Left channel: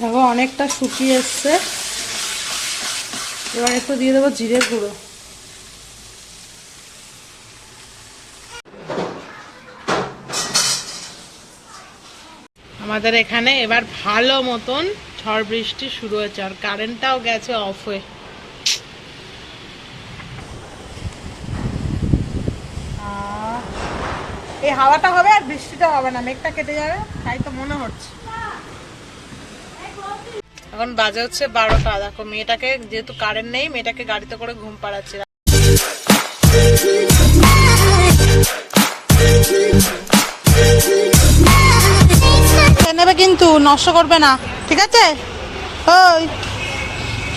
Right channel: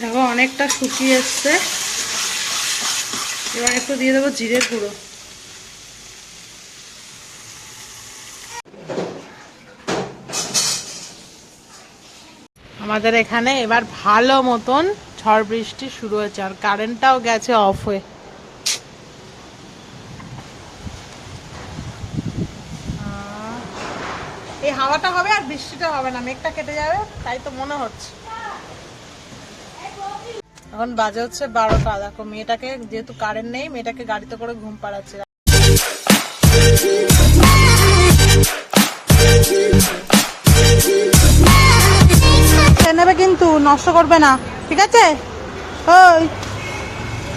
দেখো অনেকটা শুকিয়ে এসছে। এবার একটু দিয়ে দেবো জিরের গুঁড়ো। আমাদের এখানে এবার ভালো মতন ঝড় বৃষ্টি শুরু হয়েছে, আর কারেন্টটাও গেছে অফ হয়ে। এই হাওয়াটা হবে আর বৃষ্টিটা হবে না, মেঘটা কেটে যাবে তাই তো মনে হচ্ছে। এখন বাজে হচ্ছে 12টা। দেখো মেয়েটাকে, যেহেতু কারেন্ট নেই, মেয়েটাকে গাড়িতে করে ঘুম পাড়াচ্ছি। নেবে কিন্তু নষ্ট করবে না, ঠিক আছে? ওই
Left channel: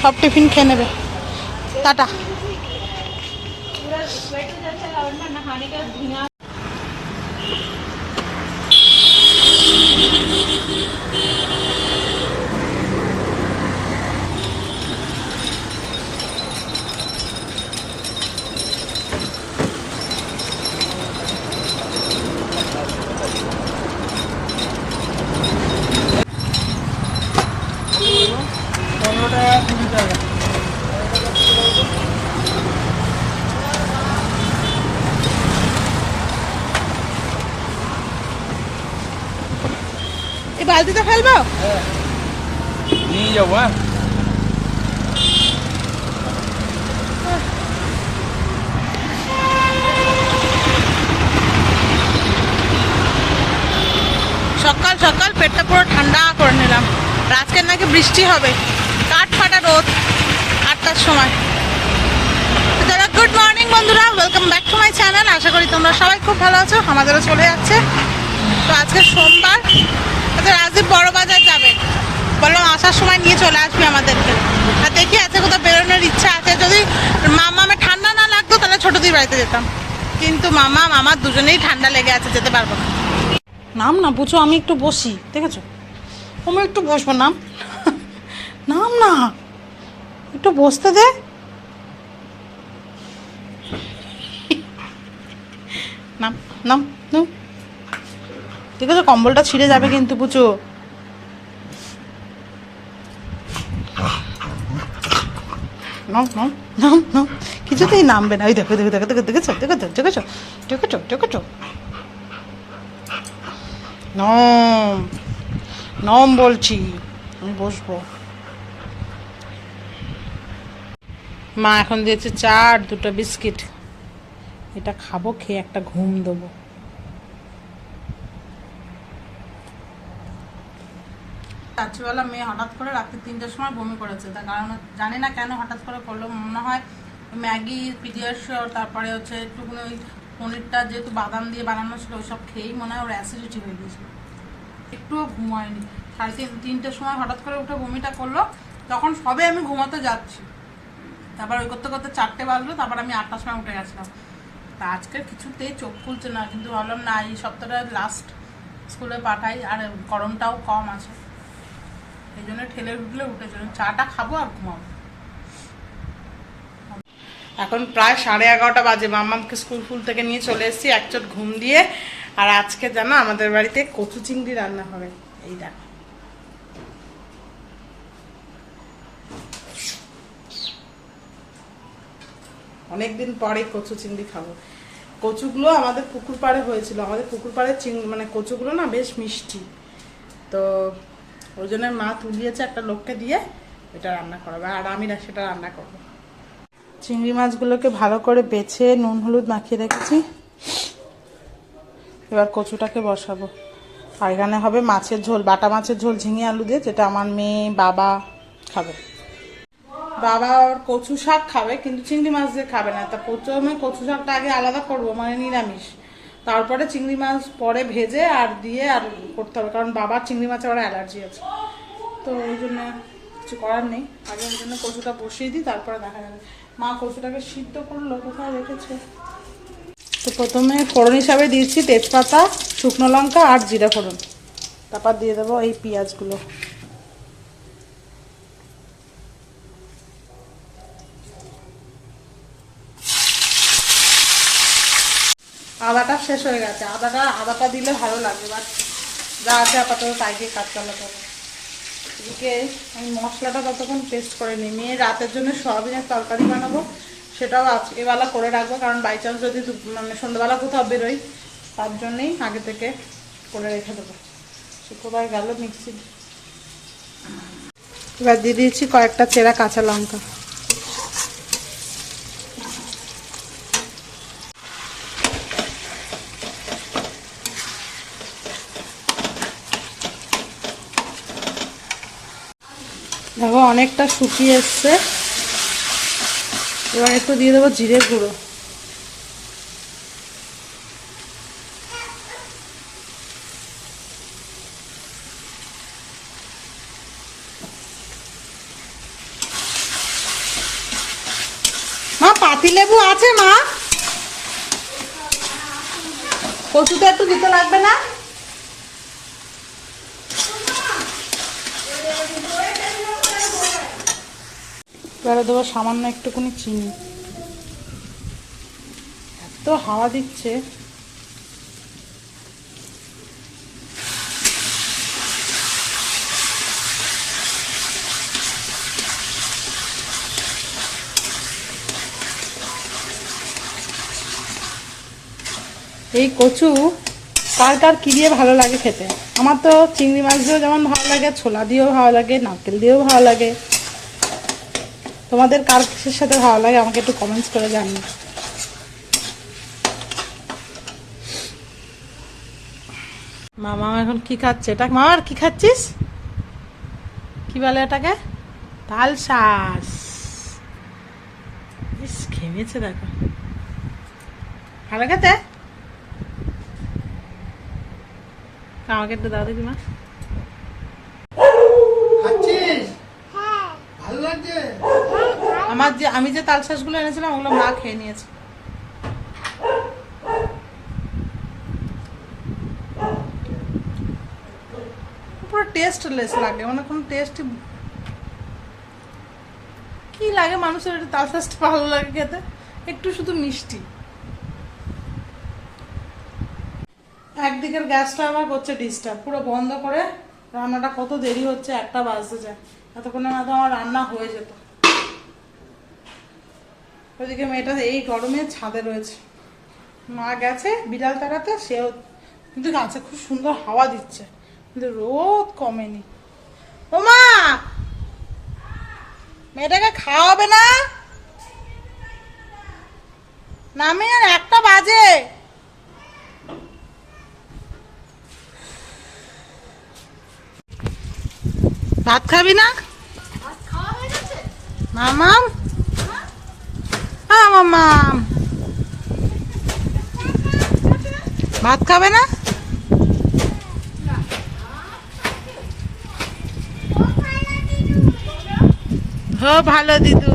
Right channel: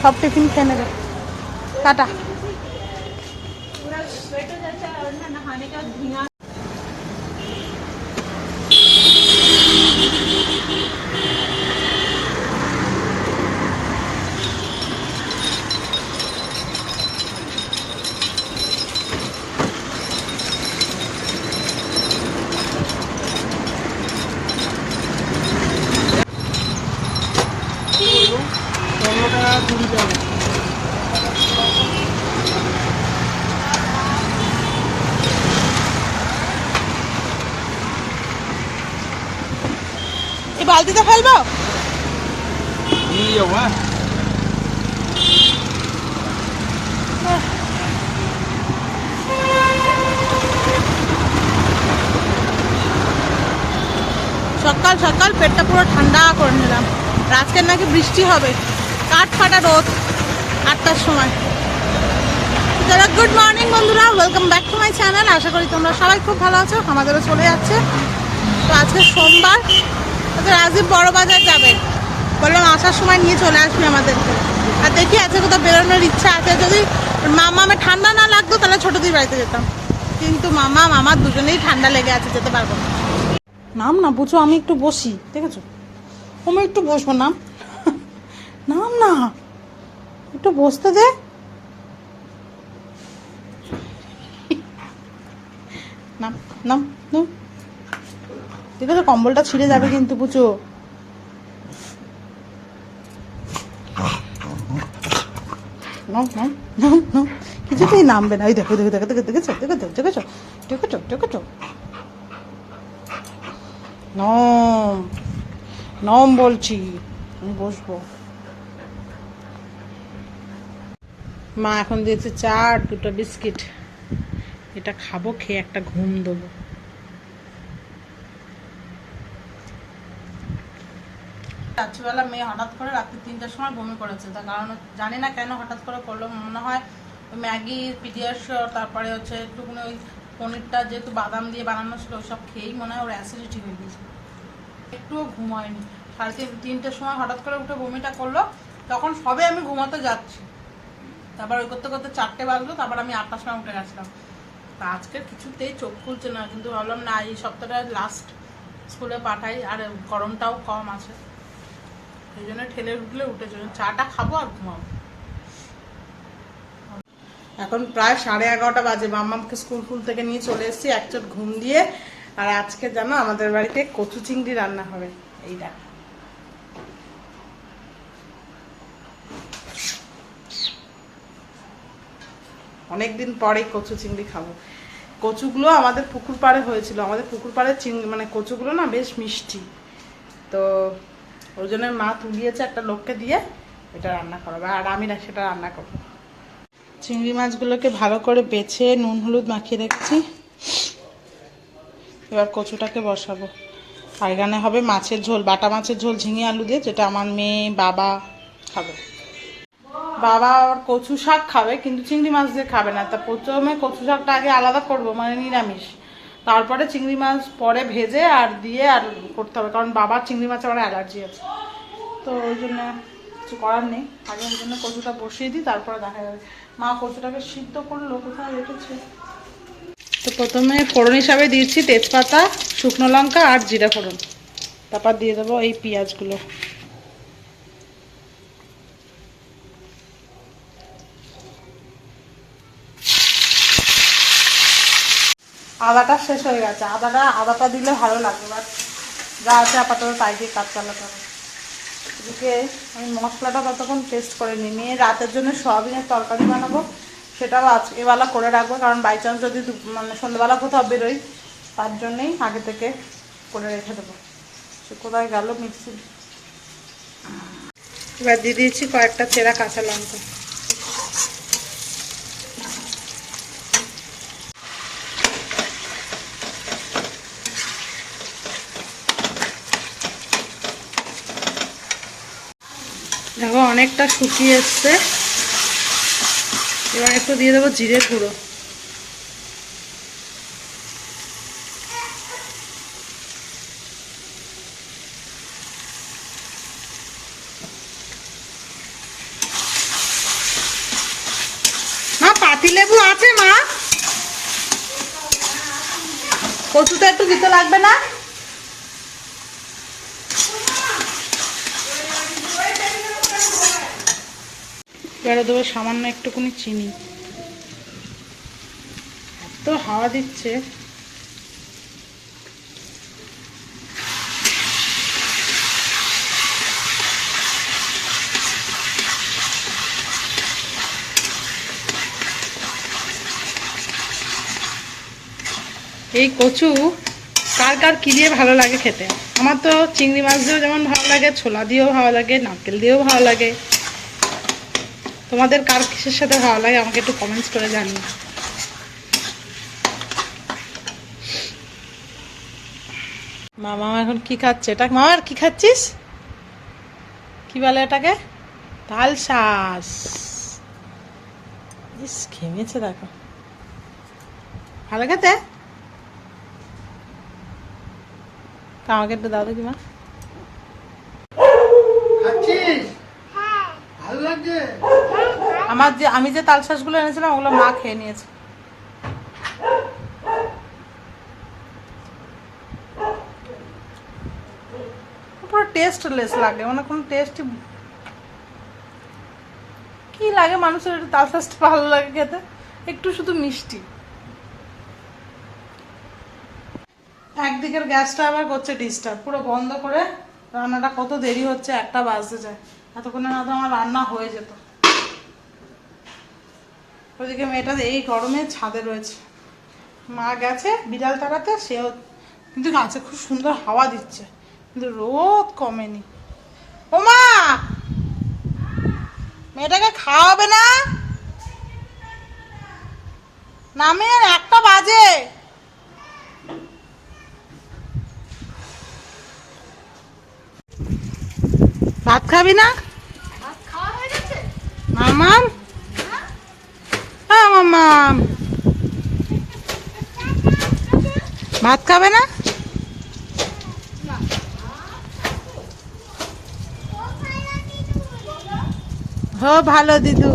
সব টিফিন খেয়ে নেবে। টাটা। এই বালতিতে ফেলবো? নিয়ে যাবো। সকাল সকাল পেটটা পুরো ঠান্ডা করে নিলাম। আজকের নাকি বৃষ্টি হবে, কাঠ ফাটা রোদ 8টার সময়। গুড মর্নিং বন্ধুরা, welcome back to my channel. আশা করি তোমরা সবাই খুব ভালো আছো, আমাদেরও চলে যাচ্ছে। তো আজকে সোমবার, রাজীব বড় বাজার যাবে, বললাম আসার সময় নিয়ে চলে আসবি আমাদেরকে। আর দেখি আজকে কোথাও বেরোনোর ইচ্ছা আছে। যদি মামামে ঠান্ডা না লাগতো তাহলে ছোটদির বাড়িতে যেতাম, কিন্তু মামার দুজনেই ঠান্ডা লেগে আছে, যেতে পারবো না। নাম না বুঝো, আমি একটু বসি, দেখেছো? আমি একটু বসবো, নাম নাম না, একটু বসতে দে। নাম নাম নাম, ঠিক আছে? কম্বলটা ছিঁড়ে যাবে কিন্তু, বুঝো? নাম নাম নাম নাম, কিছুতেই নামবে না। ওই দেখো দেখো দেখো দেখো, দেখেছো দেখেছো দেখেছো দেখেছো দেখেছো? নম নম বলছি, আমি বসবো। মা এখন দিয়েছে চা আর 2টা বিস্কিট, এটা খাবো, খেয়ে একটা ঘুম দেবো। রাত্রিবেলা মেয়ে হঠাৎ করে রাত্রি 3টার সময় বমি করেছে, তার কারণ জানি না কেন হঠাৎ করে করলো। মনে হয় ম্যাগি, পিডিয়াশিওর, তারপরে হচ্ছে একটুখানি ওই পনিরটা যেহেতু বাদাম দিয়ে বানানো ছিল, ওইসব খেয়েই মনে হয় ওর অ্যাসিডিটি হয়ে গিয়েছিল। একটুও ঘুম হয়নি। 3:30-3টের সময় হঠাৎ করে উঠে বমিটা করলো, তখন সবে আমি ঘুমাতে যাচ্ছি। তারপর ওই করতে করতে 4টে বাজলো, তারপর আমি 8টার সময় উঠে গেছিলাম। তা আজকে কিছুতেই চোখ খুলছে না, কিন্তু ভাবলাম না, এই সপ্তাহটা লাস্ট স্কুলে পাঠাই, আর গরমটাও কম আছে, এই জন্য ঠেলে উঠলে উঠেছে। চাটা খাবো আর ঘুমাবো। এখন প্রায় 11:30 বাজে, মাম্মামকে স্কুল ফুল থেকে নিয়ে চলে এসেছি একচোট ঘুম দিয়ে। আর আজকে জানো আমাদের বাড়িতে কচু চিংড়ি রান্না হবে। এই দেখো, অনেকদিন পরে কচু চিংড়ি খাবো। কচুগুলো আমাদের পুকুর পাড়ে হয়েছিল, আমাদের পুকুর পাড়ে চিংড়ি মানে কচুগুলো না বেশ মিষ্টি, তো ওই জন্য মা তুলিয়েছে একটা লোককে দিয়ে, এটা রান্না করাবে, আর আমি না সেটা রান্না করবো। চিংড়ি মাছগুলোকে ভালো করে বেছে নুন হলুদ মাখিয়ে রেখেছি, এবার কচুটাকে বসাবো। আর এখানে হবে মাছের ঝোল, বাটা মাছের ঝোল ঝিঙে আলু দিয়ে, যেটা আমার মেয়ে বাবা খাবে। বাবা আবার কচু শাক খাবে, কিন্তু চিংড়ি মাছ দিয়ে খাবে না। তা প্রথমে কচু শাকটা আগে আলাদা করবো, মানে নিরামিষ, তারপরে চিংড়ি মাছ পরে ভেজে আর দিয়ে আর করতে হবে, কারণ বাবার চিংড়ি মাছে আবার অ্যালার্জি আছে। তো ওই জন্য কিছু করার নেই, আগে ওই জন্য কচুটা বসিয়ে দিই, তারপরে দেখা যাবে। মা কচুটাকে সিদ্ধ করলো, কোথায় রেখেছে। তো প্রথমে ফোড়ন হিসাবে দিয়েছি তেজপাতা, শুকনো লঙ্কা আর জিরা ফোড়ন, তারপর দিয়ে দেবো এই পেঁয়াজগুলো। আদাটা শেষ হয়ে গেছে, আদাটা দিলে ভালো লাগে, বাট যা আছে আপাতত তাই দিয়ে কাজ চালাতে হবে। এদিকে আমি মশলাটা ততক্ষণ পেস্ট করে নিই। মেয়ে রাতের জন্য সয়াবিনের তরকারি বানাবো, সেটাও আজকেবেলা করে রাখবো, কারণ বাই চান্স যদি মানে সন্ধ্যাবেলা কোথাও বেরোই, তার জন্যেই আগে থেকে করে রেখে দেবো। সে কোথায় গেল মিক্সি। এবার দিয়ে দিয়েছি কয়েকটা চেরা কাঁচা লঙ্কা। দেখো অনেকটা শুকিয়ে এসছে। এবার একটু দিয়ে দেবো জিরের গুঁড়ো। মা পাতিলেবু আছে মা? কচুতে একটু দিতে লাগবে না? এবারে দেবো সামান্য একটুখানি চিনি। এত হাওয়া দিচ্ছে। এই কচু কার কার কি দিয়ে ভালো লাগে খেতে? আমার তো চিংড়ি মাছ দিয়েও যেমন ভালো লাগে, ছোলা দিয়েও ভালো লাগে, নারকেল দিয়েও ভালো লাগে। তোমাদের কার কিসের সাথে ভালো লাগে আমাকে একটু কমেন্টস করে জানিও। মামা এখন কি খাচ্ছে? এটা মামার কি খাচ্ছিস? কি বলে এটাকে? তাল শাঁস। ইস ঘেমেছে দেখো। ভালো খেতে? আমাকে একটু দাও দেখি মা। আমি যে তাল শাঁসগুলো এনেছিলাম ওগুলো মা খেয়ে নিয়েছে। পুরো টেস্টলেস লাগে, মানে কোনো টেস্টই কি লাগে মানুষের? একটু তাল শাঁসটা ভালো লাগে খেতে, একটু শুধু মিষ্টি। একদিকের গ্যাসটা আবার করছে ডিস্টার্ব, পুরো বন্ধ করে রান্নাটা কত দেরি হচ্ছে, 1টা বাজতে যায়। এতক্ষণে না তো আমার রান্না হয়ে যেত। ওইদিকে মেয়েটা এই গরমে ছাদে রয়েছে, মা গেছে বিড়াল তাড়াতে, সেও কিন্তু গাছে খুব সুন্দর হাওয়া দিচ্ছে, কিন্তু রোদ কমেনি। ও মা, মেয়েটাকে খাওয়াবে না? নামে 1টা বাজে। ভাত খাবি না মামাম? মামাম ভাত খাবে না? হো ভালো দিদু।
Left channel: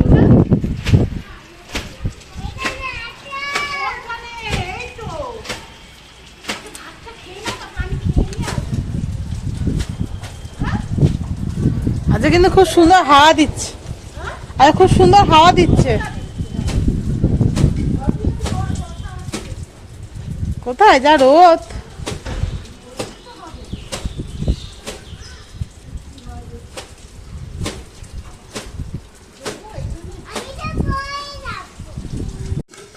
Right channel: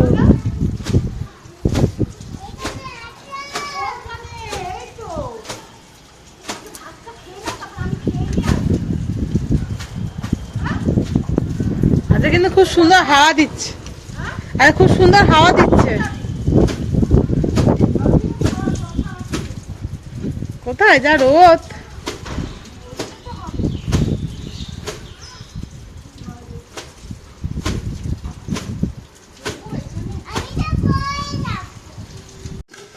আজকে কিন্তু খুব সুন্দর হাওয়া দিচ্ছে, আর খুব সুন্দর হাওয়া দিচ্ছে। কোথায় যা রোদ।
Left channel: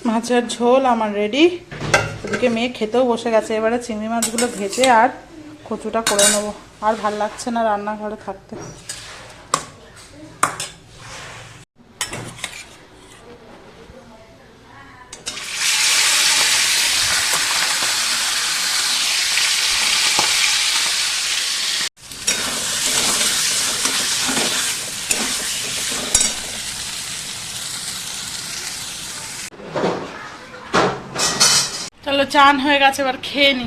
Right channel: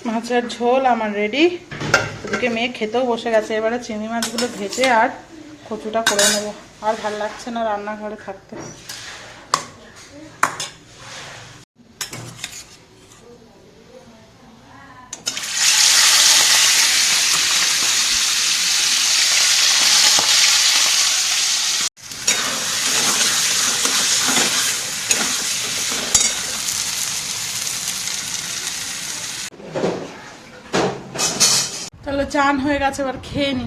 মাছের ঝোল আমার রেডি। ওদিকে মেয়ে খেতেও বসে গেছে। এবারে চিংড়ি মাছগুলো ভেজে আর কচুটা করে নেবো। আর ভাল লাগছে না রান্নাঘরে থাকতে। চলো চান হয়ে গেছে, এবার খেয়ে নি।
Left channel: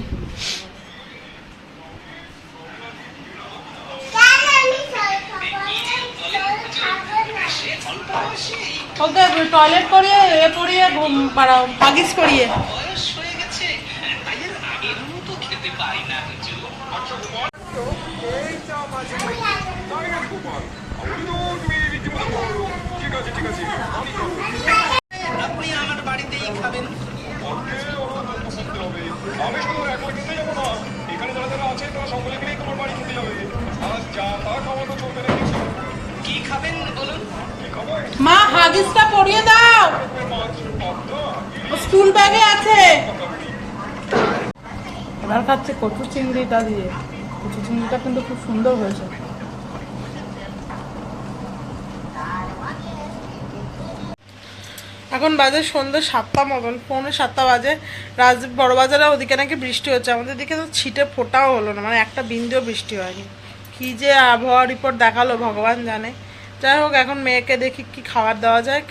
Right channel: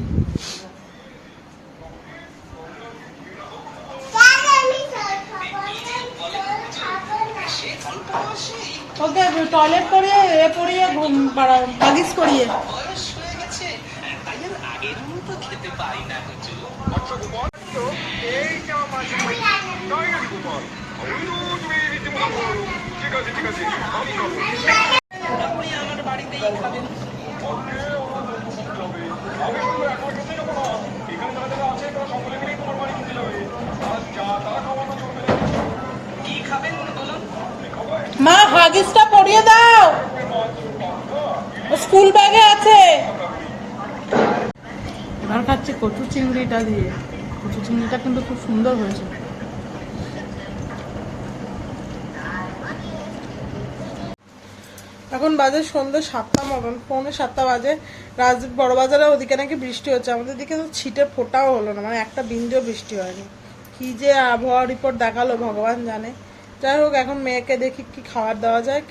ওকে টয়লেট করিয়ে এ পড়িয়ে ঘুম পাড়াও, হাগিস করিয়ে। মা হাগিসটা পরিয়ে দাও, স্কুল ব্যাগে আছে। এবার খাচ্ছে কচু চিংড়িটা দিয়ে। কচু চিংড়িটা কিন্তু খুব সুন্দর হয়েছে। এখন বাজে সন্ধ্যে 7টা মতন, 6:45 বাজে। রাজদীপ বড় বাজারে ওদিকে নাকি বৃষ্টি হচ্ছে, আমাদের দিকে তো ছিটে ফোটাও হলো না, মানে একটা বিন্দুও বৃষ্টি হয়নি। কি যে আবহাওয়া রিপোর্ট দেখালো ভগবান জানে। যাই হোক, এখন মেয়েকে দেখি কি খাবার দেওয়া যায়।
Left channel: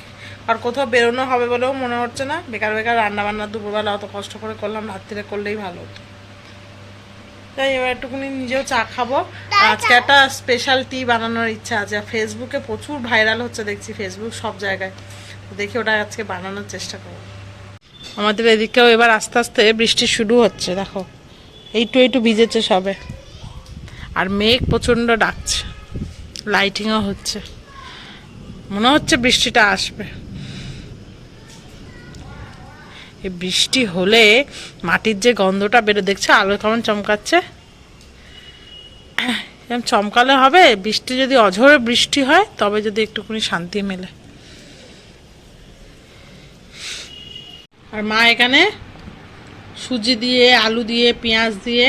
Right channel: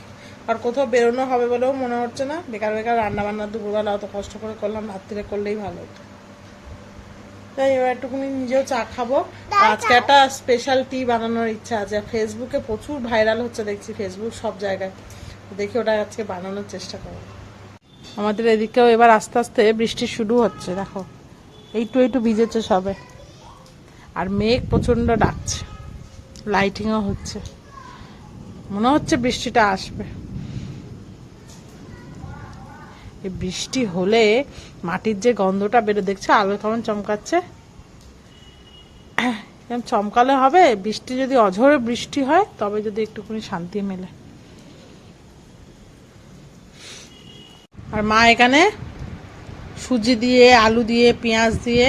আর কোথাও বেরোনো হবে বলেও মনে হচ্ছে না। বেকার বেকার রান্না বান্না দুপুরবেলা অত কষ্ট করে করলাম, রাত্রিরে করলেই ভালো হতো। তাই এবার একটুখানি নিজেও চা খাবো। আজকে একটা স্পেশাল টি বানানোর ইচ্ছা আছে। ফেসবুকে প্রচুর ভাইরাল হচ্ছে দেখছি, ফেসবুক সব জায়গায়। দেখি ওটা আজকে বানানোর চেষ্টা করবো। আমাদের এদিকেও এবার আস্তে আস্তে বৃষ্টি শুরু হচ্ছে, দেখো একটু ভিজেছে সবে। আর মেঘ প্রচণ্ড ডাকছে, লাইটিংও হচ্ছে, মনে হচ্ছে বৃষ্টিটা আসবে। এই বৃষ্টি হলে মাটির যে গন্ধটা বেরো, দেখছো আলো কেমন চমকাচ্ছে, এরকম চমকালে হবে। বৃষ্টি যদি অঝোরে বৃষ্টি হয় তবে যদি একটুখানি শান্তি মেলে। আর মা এখানে সুজি দিয়ে, আলু দিয়ে, পেঁয়াজ দিয়ে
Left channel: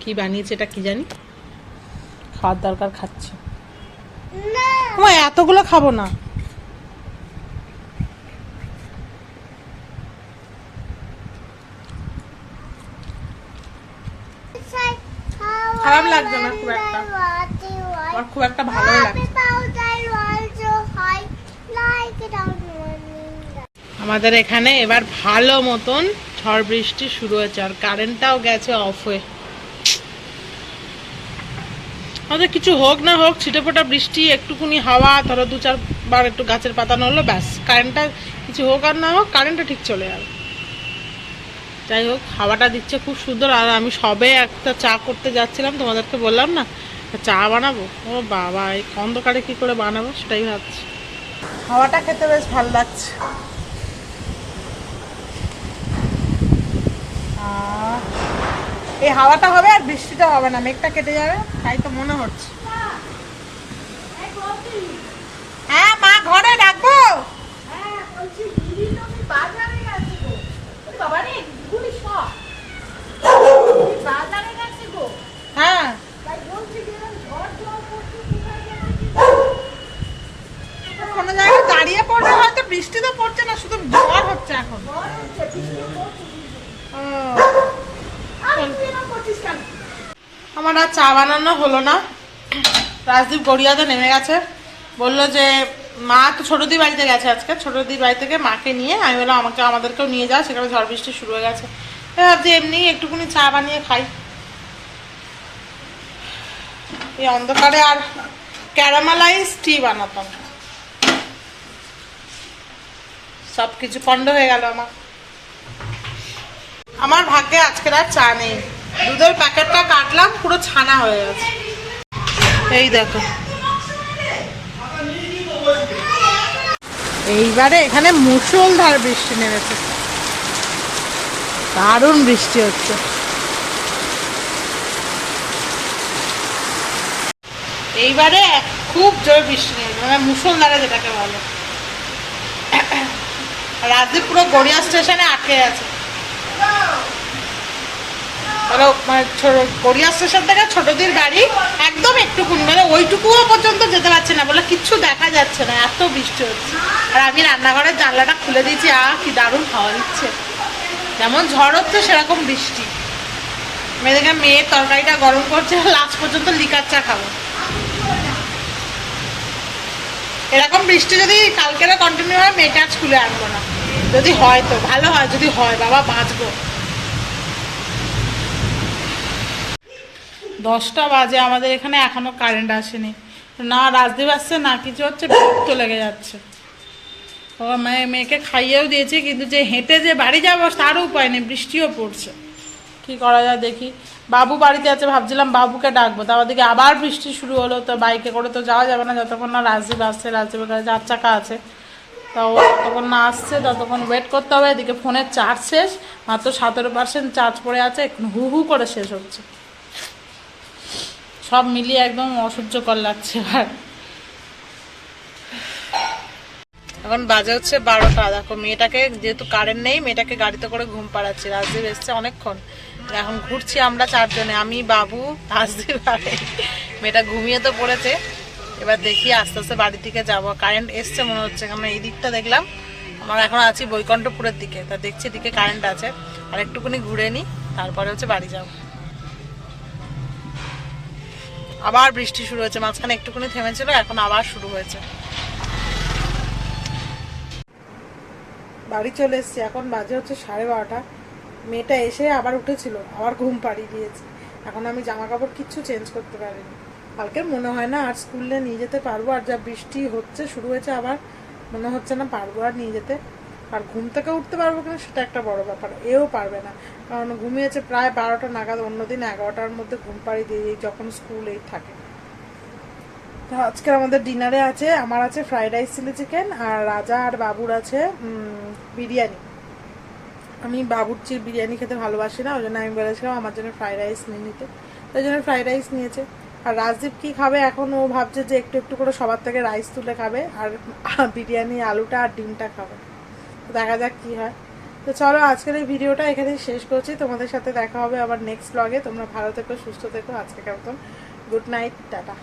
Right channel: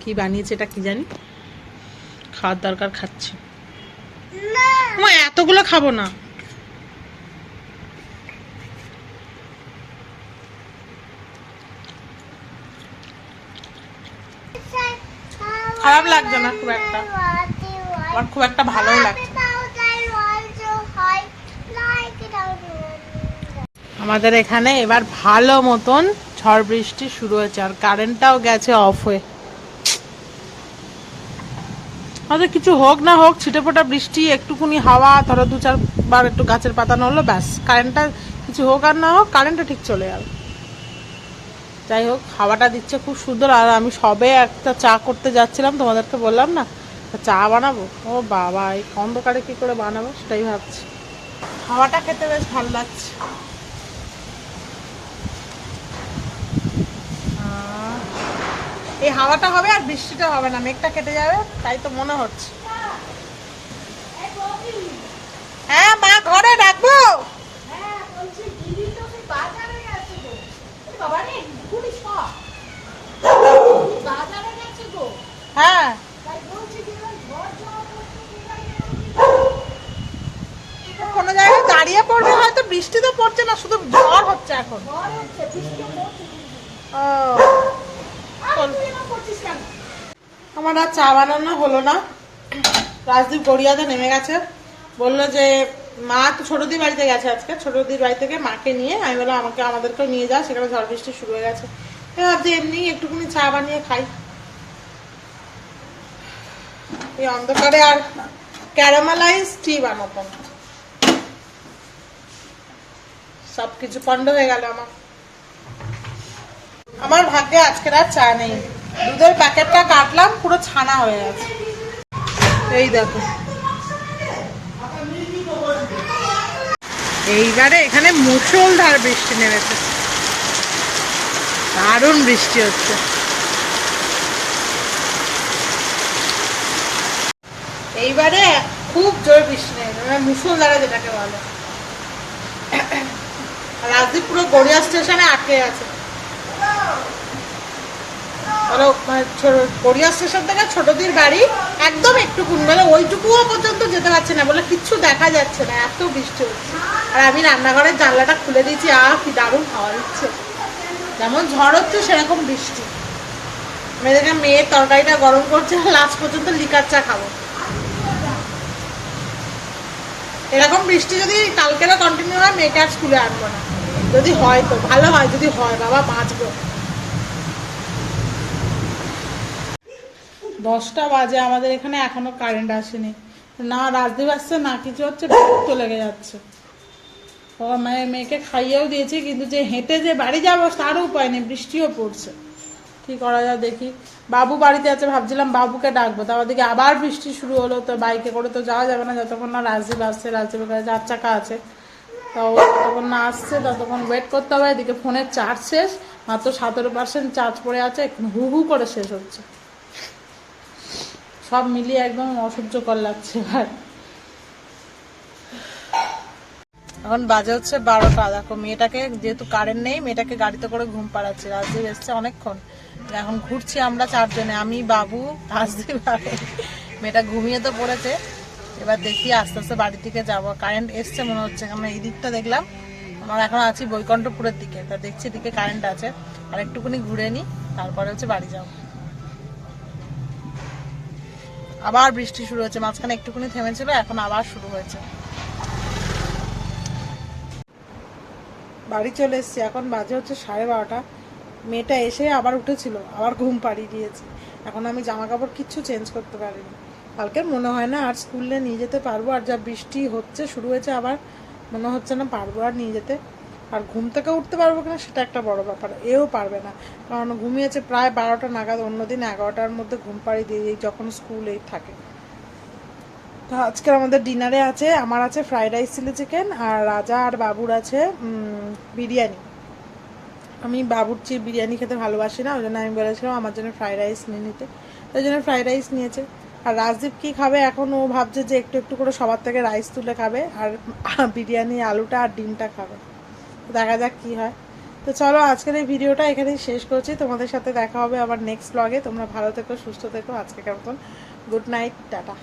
কি বানিয়েছে, এটা কি জানি, খাওয়ার দরকার, খাচ্ছি। এতগুলো খাবো না। খারাপ লাগছে না খুব একটা, আমার খুব একটা ভালোও লাগছে। আমাদের এখানে এবার ভালো মতন ঝড় বৃষ্টি শুরু হয়েছে, আর কারেন্টটাও গেছে অফ হয়ে। আমাদের কিছু হোক না হোক, ছিটেফোঁটা বৃষ্টি, একটুখানি হাওয়া, ধরো 2-4 বার একটু গাছের পাতা নড়লো, ব্যাস কারেন্টটা, কিছু হোক আর না হোক কারেন্টটা ঠিক চলে যাবে। যাই হোক, হাওয়াটা দিচ্ছে খুব সুন্দর। আর আমি সবে একটা চা করতে যাচ্ছিলাম, তোমাদেরকে বললাম না চা বানাবো। ও বাবা, এই অন্ধকারে কি করে বানাবো সেটাই ভাবছি। হাওয়াটা খেতে বেশ ভালো লাগছে। এই হাওয়াটা হবে আর বৃষ্টিটা হবে না, মেঘটা কেটে যাবে, তাই তো মনে হচ্ছে। হ্যাঁ মা, ঘরে ডাকবো? হ্যাঁ, কোনো জায়গায় দাঁড়িয়ে পড়বে হয়তো, বৃষ্টি তো পড়ছে না, শুধু ঝড় হচ্ছে এখন। আমার আর চা বানানো হলো না। রাজদীপ গড়িয়াতে নেমে গেছে, বললো যে মা তো ছোটদির বাড়িতে গেছে আজকে, ছোটদির বাড়ি থেকে মাকে নিয়ে। আমি বললাম আমাদেরকেও নিয়ে যাও, সেখানে ঝড় বৃষ্টি শুরু হয়ে গেছে। ভাবছি এমনি একটুখানি চা বানিয়ে খাই এই অন্ধকারে। আর ক্যারামেলাইজ টি বানাতাম, সবকিছু পণ্ড হয়ে গেল আমার ভাগ্যে। আজকের আর চা নেই, দুধের প্যাকেটটা কাটলাম, পুরো ছানা হয়ে গেছে। এই দেখো, এইবারে এখানে মুষলধার বৃষ্টি নেমেছে, দারুণ বৃষ্টি হচ্ছে। এইবারে খুব জোর বৃষ্টি নেমেছে, মানে মুষলধারে যেটাকে বলে। রাজদীপ পুরো গড়িয়া স্টেশনে আটকে আছে। গড়িয়া স্টেশন থেকে ছোটদির বাড়ি একদম একটুকুন, মানে ওইটুকুও পর্যন্ত যেতে পারছে না, বলে কিচ্ছু দেখা যাচ্ছে না, এত বৃষ্টি হচ্ছে। আর আমি রান্নাঘরের জানলাটা খুলে দিয়েছি, কি দারুণ হাওয়া দিচ্ছে। যেমন ঝড় হচ্ছে সেরকম বৃষ্টি। মেয়ের তরকারিটা গরম করছে, লাস্ট পর্যন্ত লিকার চা খাবো। এরকম বৃষ্টি যদি কালকেরও কন্টিনিউ হয়, মেয়েকে আজ স্কুলে আনবো না। যদি হয় তো ভালো হয়, যদি হয় বাবা বাঁচবো। 10টা বাজে, আমাদের এখানে এখনো কারেন্ট আসেনি। না রাজদীপ আসছে, না কিছু হচ্ছে, বিরক্ত লেগে যাচ্ছে। মেয়েকে খাইয়েও দিয়েছি, কিন্তু যে হেঁটে যে বাড়ি যাবো তারও উপায় নেই, বৃষ্টিও পড়ছে। কি করা যায় দেখি। বাবু বাড়িতে আছে, ভাবছিলাম বাবুকে ডাকবো, তার দিকে আবার বৃষ্টি শুরু হলো। তো বাইকে করে তো যাওয়া যাবে না যতক্ষণ না রাজদীপ আসছে। রাজদীপের কাছে 4 চাকা আছে, তো ততক্ষণ না আসছে ততক্ষণ ওয়েট করতে হবে। এদিকে ফোনের চার্জ শেষ, মাত্র 17% চার্জ পড়ে আছে, হু হু করে শেষ হচ্ছে। সব মিলিয়ে একদম অসহ্যকর লাগছে। আর এখন বাজে হচ্ছে 12টা। দেখো মেয়েটাকে, যেহেতু কারেন্ট নেই, মেয়েটাকে গাড়িতে করে ঘুম পাড়াচ্ছি। রাজদীপ এসছে অনেকক্ষণ, এখন ঘুরছি আমরা 4 জনে, আমি, বাবু, রাজদীপ আর মেয়েটা ঘুমিয়ে তো পড়েছে। এবার দেখি আস্তে আস্তে বাড়ির দিকে যাবো। কারেন্ট এসছে মনে হচ্ছে, কারণ এই দিকটা দেখলাম। আমরা এখন আছি বৈকণ্ঠপুরের দিকে, তা দেখছি এদিকে কারেন্ট আছে। আর একটুখানি ঘুরে নিই, তারপরে হচ্ছে বাড়ি যাবো। আবার বৃষ্টি শুরু হয়েছে, মাঝখানে একটুখানি থেমেছিল, এখন আবার শুরু হয়েছে। বাড়ি চলে এসেছি, এখন বাজে হচ্ছে 12:30। মেয়েটা এসে আবার উঠেছিল, আবার ঘুম পাড়িয়ে দিয়েছি। এখন আমি জামা কাপড় কিচ্ছু চেঞ্জ করতে পারিনি। কালকে মনে হয় না আর স্কুলে নিয়ে যেতে পারবো, আর যা বৃষ্টি হচ্ছে শুরু হয়েছে আবার, মনে হচ্ছে না পারবো আর নিয়ে যেতে। আর ঘুম থেকে উঠতে পারবো কিনা সেটা একটা বড় ব্যাপার, এও পারবে না, কারণ ঘুমিয়েছে প্রায় 12টা নাগাদ। অন্যদিন 11টার মধ্যে ঘুম পাড়িয়ে দিয়ে যখন স্কুল এই থাকে। তো আজকে আমাদের ডিনারে আছে, আমার আছে ফ্রাইড রাইস চিলি চিকেন, আর রাজা আর বাবুর আছে বিরিয়ানি। আমি বাবুর বিরিয়ানি খেতে ভালোবাসি না, ওই জন্য আমি বলেছিলাম আমার জন্য ফ্রাইড রাইস নিয়ে নিতে, ওই জন্য ফ্রাইড রাইস নিয়েছে। আর রাজদীপ কি খাবে এখন, ও ভাবছে যে একটু একটু করে সবার থেকে রাইস তুলে খাবে, আর বিরিয়ানি আলুটা আর ডিমটা খাবে। তো দেখা যাক কি হয়। তো চলো আজকের এই ভিডিওটা এখানেই শেষ করছি, তোমাদের সাথে দেখা হবে আবার নেক্সট ব্লগে। তোমরা ভালো থেকো, সুস্থ থেকো। আজকে কেমন, গুড নাইট, টাটা।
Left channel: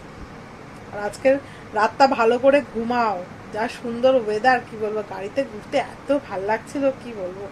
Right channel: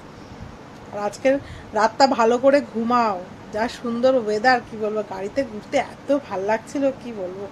আর আজকের রাতটা ভালো করে ঘুমাও, যা সুন্দর ওয়েদার, কি বলবো, গাড়িতে ঘুরতে এত ভাল লাগছিল কি বলবো।